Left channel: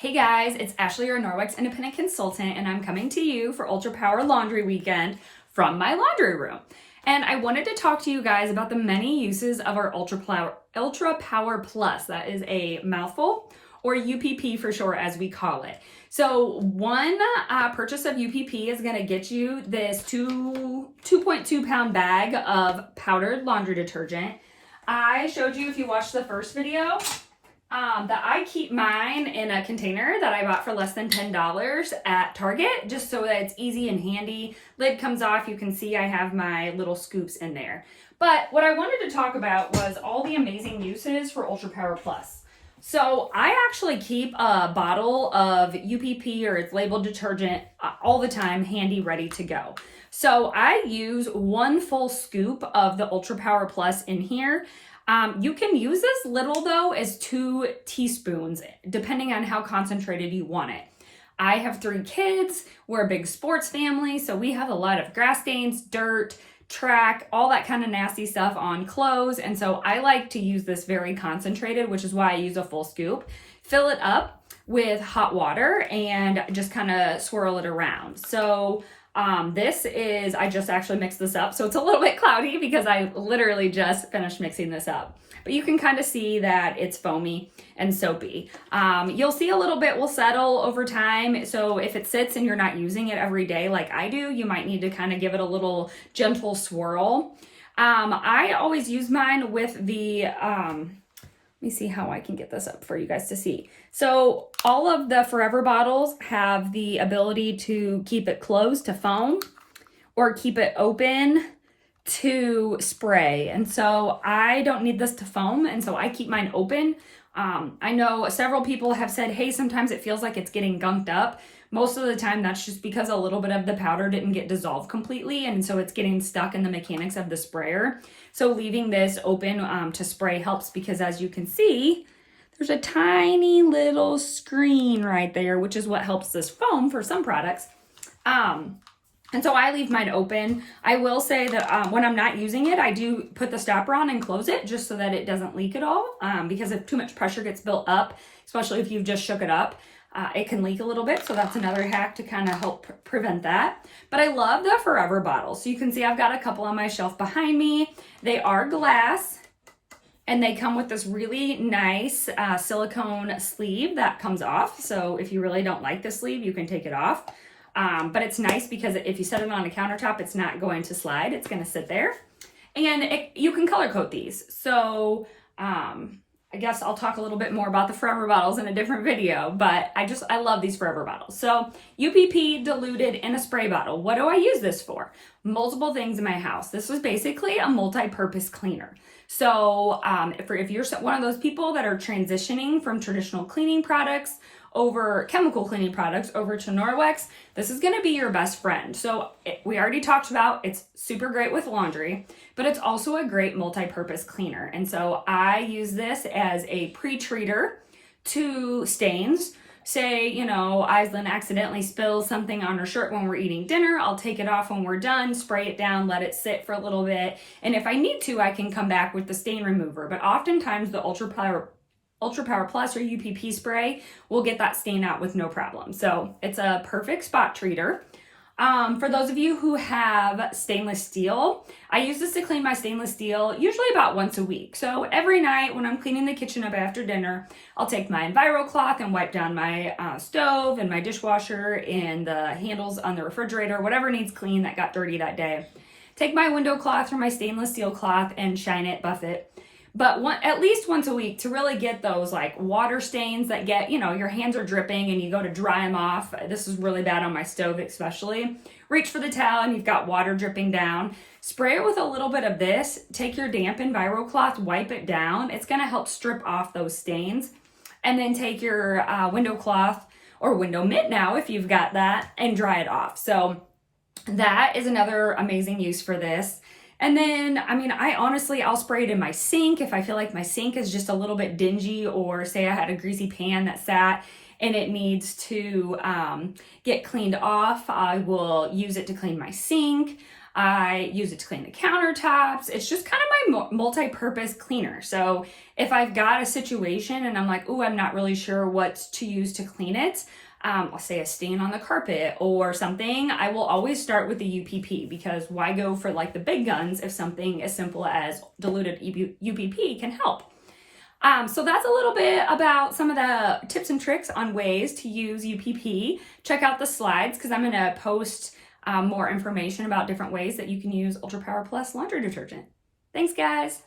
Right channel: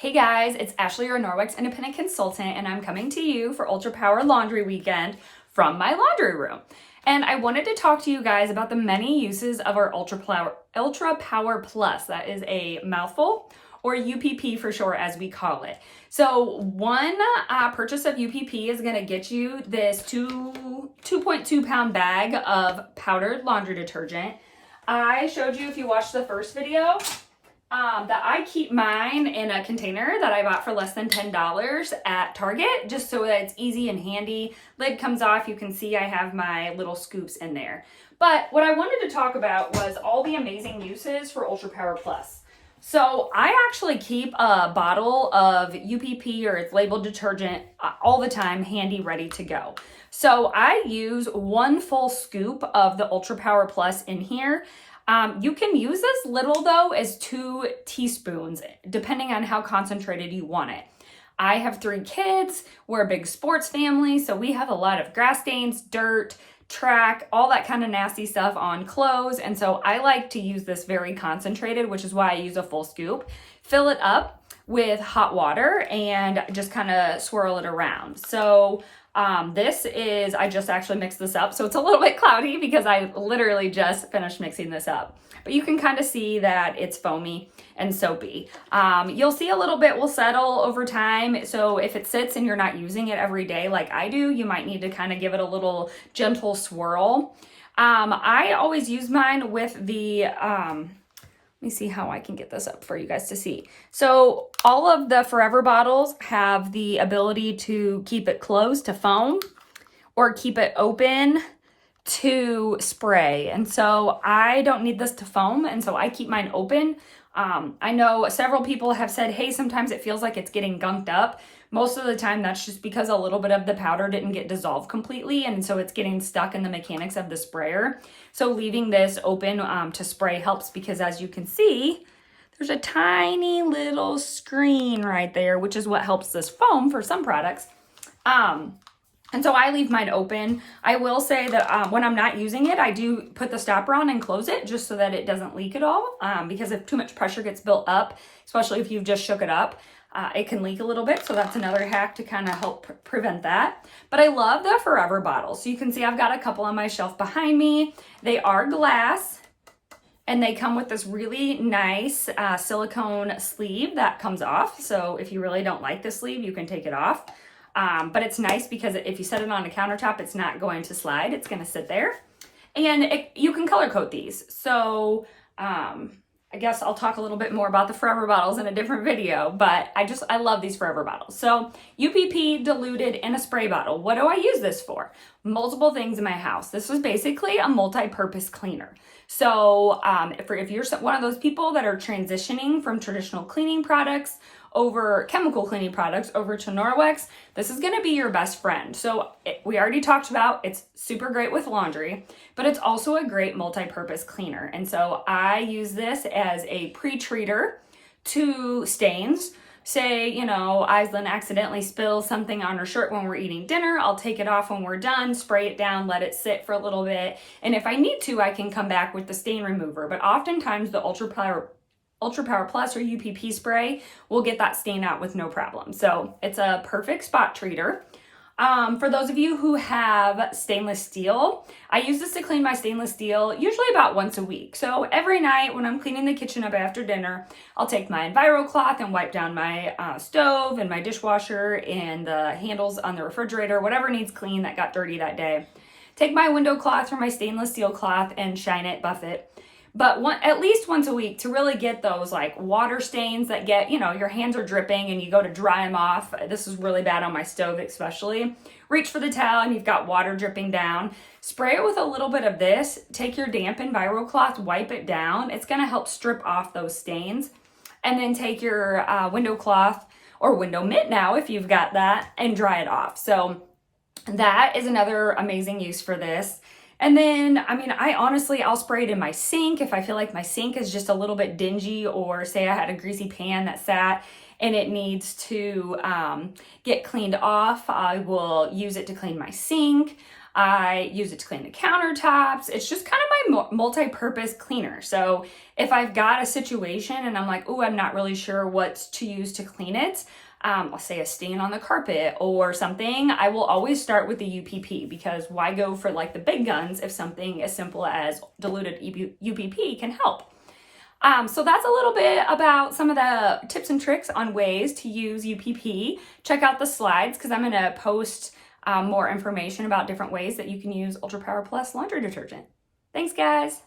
Hey guys, it's Ashley, your Norwex independent consultant, and I'm coming to you for Ultra Power Laundry Weekend from my laundry room. And I wanted to talk to you guys about the many uses of our Ultra Power Plus. That is a mouthful, or UPP for short, as we call it. So one purchase of UPP is going to get you this 2.2 pound bag of powdered laundry detergent. I showed you, if you watched the first video, that I keep mine in a container that I bought for less than $10 at Target, just so that it's easy and handy. Lid comes off, you can see I have my little scoops in there. But what I wanted to talk about was all the amazing uses for Ultra Power Plus. So I actually keep a bottle of UPP, or it's labeled detergent, all the time, handy, ready to go. So I use one full scoop of the Ultra Power Plus in here. You can use this little though as 2 teaspoons, depending on how concentrated you want it. I have 3 kids, we're a big sports family, so we have a lot of grass stains, dirt, track, all that kind of nasty stuff on clothes. And so I like to use this very concentrated, which is why I use a full scoop. Fill it up with hot water and just kind of swirl it around. So I just actually mixed this up, so it's a little bit cloudy because I literally just finished mixing this up. But you can kind of see that it's foamy and soapy. You'll see a little bit will settle over time, so if it sits and you're not using it every day like I do, you might need to kind of give it a little gentle swirl. I always use mine with the, let me see how I can get this up for you guys to see. So all of the Forever bottles have the ability to keep it closed to foam or keep it open to spray. And so I don't need this to foam, and so I keep mine open. I know several people have said, hey, sometimes it feels like it's getting gunked up. Most of the time that's just because a little bit of the powder didn't get dissolved completely, and so it's getting stuck in the mechanics of the sprayer. So leaving this open to spray helps, because as you can see, there's a tiny little screen right there, which is what helps this foam for some products. And so I leave mine open. I will say that when I'm not using it, I do put the stopper on and close it just so that it doesn't leak at all. Because if too much pressure gets built up, especially if you've just shook it up, it can leak a little bit. So that's another hack to kind of help prevent that. But I love the Forever bottles. So you can see I've got a couple on my shelf behind me. They are glass, and they come with this really nice silicone sleeve that comes off. So if you really don't like the sleeve, you can take it off. But it's nice because if you set it on a countertop, it's not going to slide. It's going to sit there. And you can color code these. So I guess I'll talk a little bit more about the Forever bottles in a different video, but I love these Forever bottles. So UPP diluted in a spray bottle. What do I use this for? Multiple things in my house. This was basically a multi-purpose cleaner. So if you're one of those people that are transitioning from traditional cleaning products over chemical cleaning products over to Norwex, this is going to be your best friend. So we already talked about it's super great with laundry, but it's also a great multi-purpose cleaner. And so I use this as a pre-treater to stains. Say, Aislinn accidentally spills something on her shirt when we're eating dinner. I'll take it off when we're done, spray it down, let it sit for a little bit. And if I need to, I can come back with the stain remover. But oftentimes the Ultra Power Plus or UPP spray will get that stain out with no problem. So it's a perfect spot treater. For those of you who have stainless steel, I use this to clean my stainless steel usually about once a week. So every night when I'm cleaning the kitchen up after dinner, I'll take my Enviro cloth and wipe down my stove and my dishwasher and the handles on the refrigerator, whatever needs clean that got dirty that day. Take my window cloth or my stainless steel cloth and shine it, buff it. But at least once a week to really get those like water stains that get, your hands are dripping and you go to dry them off. This is really bad on my stove especially. Reach for the towel and you've got water dripping down. Spray it with a little bit of this. Take your damp Enviro cloth, wipe it down. It's going to help strip off those stains. And then take your window cloth or window mitt now if you've got that and dry it off. So that is another amazing use for this. And then, I'll spray it in my sink if I feel like my sink is just a little bit dingy, or say I had a greasy pan that sat and it needs to get cleaned off. I will use it to clean my sink. I use it to clean the countertops. It's just kind of my multi-purpose cleaner. So if I've got a situation and I'm like, oh, I'm not really sure what to use to clean it, let's say a stain on the carpet or something, I will always start with the UPP, because why go for like the big guns if something as simple as diluted UPP can help. So that's a little bit about some of the tips and tricks on ways to use UPP. Check out the slides, because I'm going to post more information about different ways that you can use Ultra Power Plus laundry detergent. Thanks, guys.